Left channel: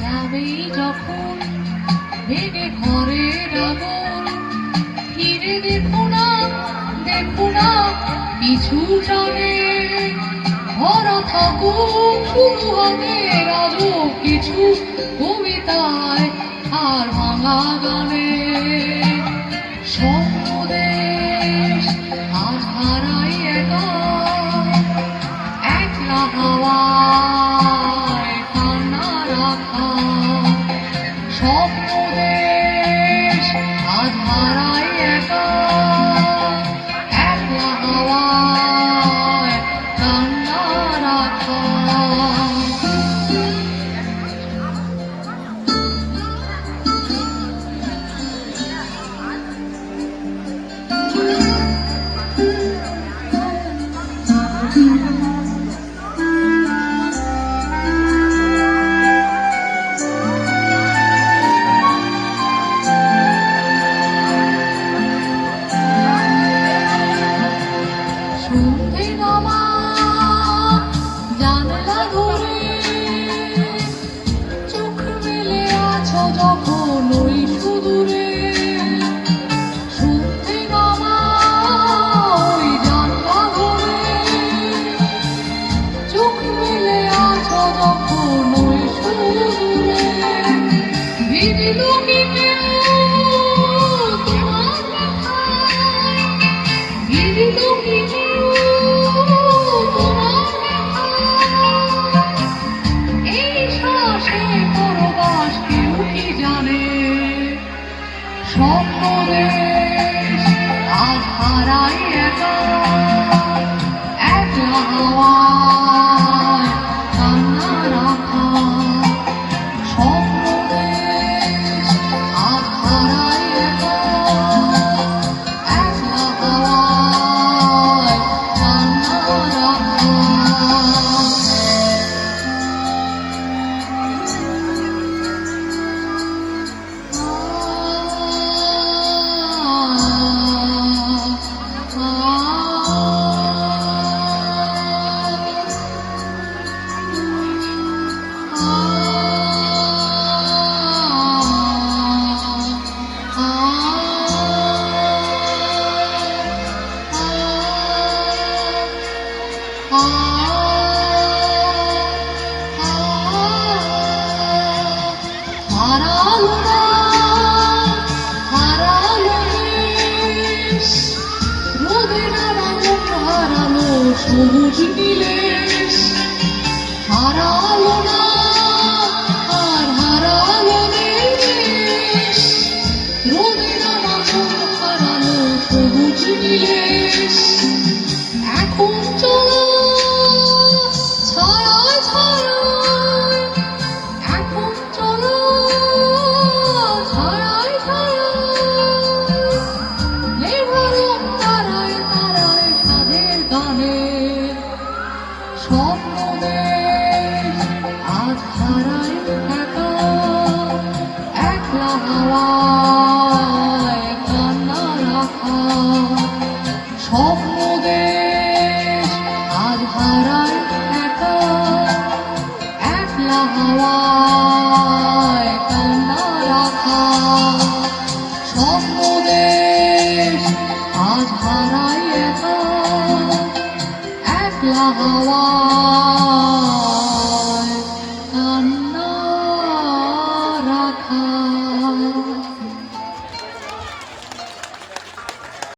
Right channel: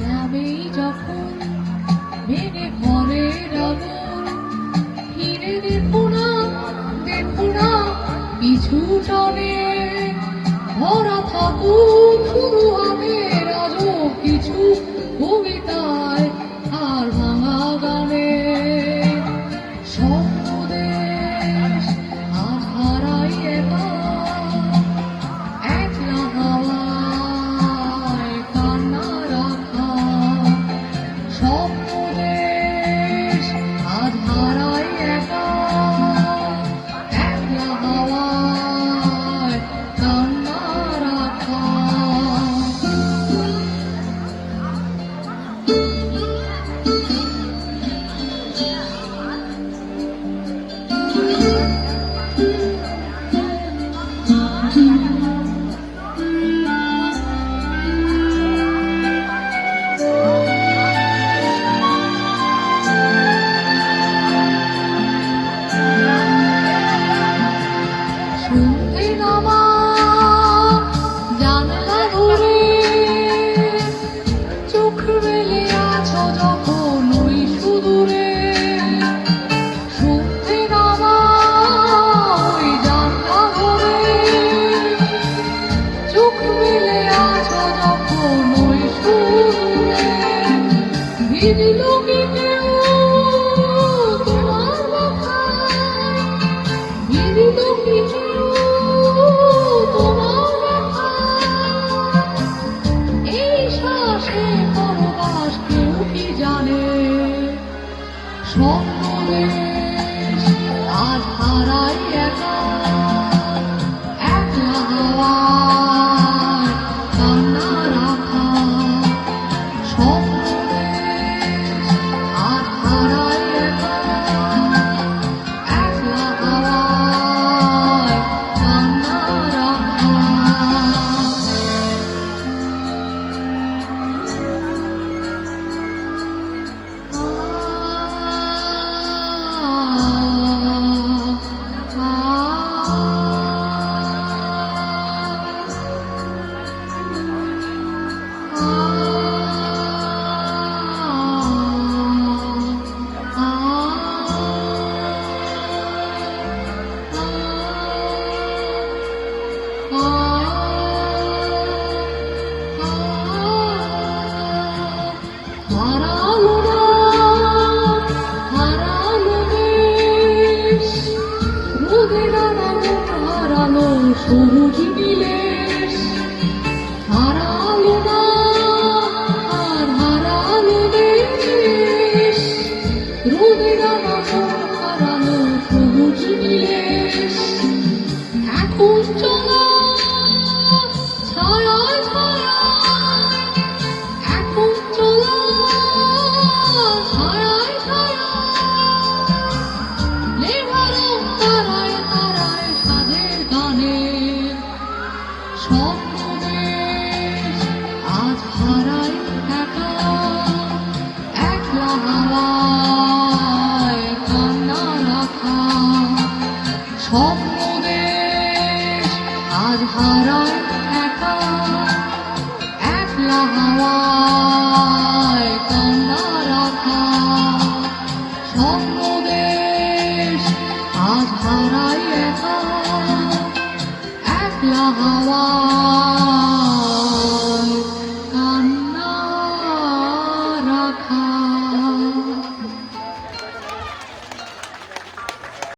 যাবে যখন ভেঙে ঘরের আগুন, ফিরে দেখো না কিছু টানে, ভরা থাকুক শুরু হবে রাজব কিছু কবিতায় আর ভাঙা গানে। স্বপ্নদেশ আর হারাই একা, একলা হাওয়ায় কান্না রাখা। স্বপ্নদেশ আজ হারাই একা, একলা হাওয়ায় কান্না রাখা। শুনতে নামা জানালা ধরে, চোখ মেলে আছো যখন ওই সুদূরে। শুনতে নামা ওই জানলা ধরে, চোখ মেলে আছো যখন ওই সুদূরে। ভিজিল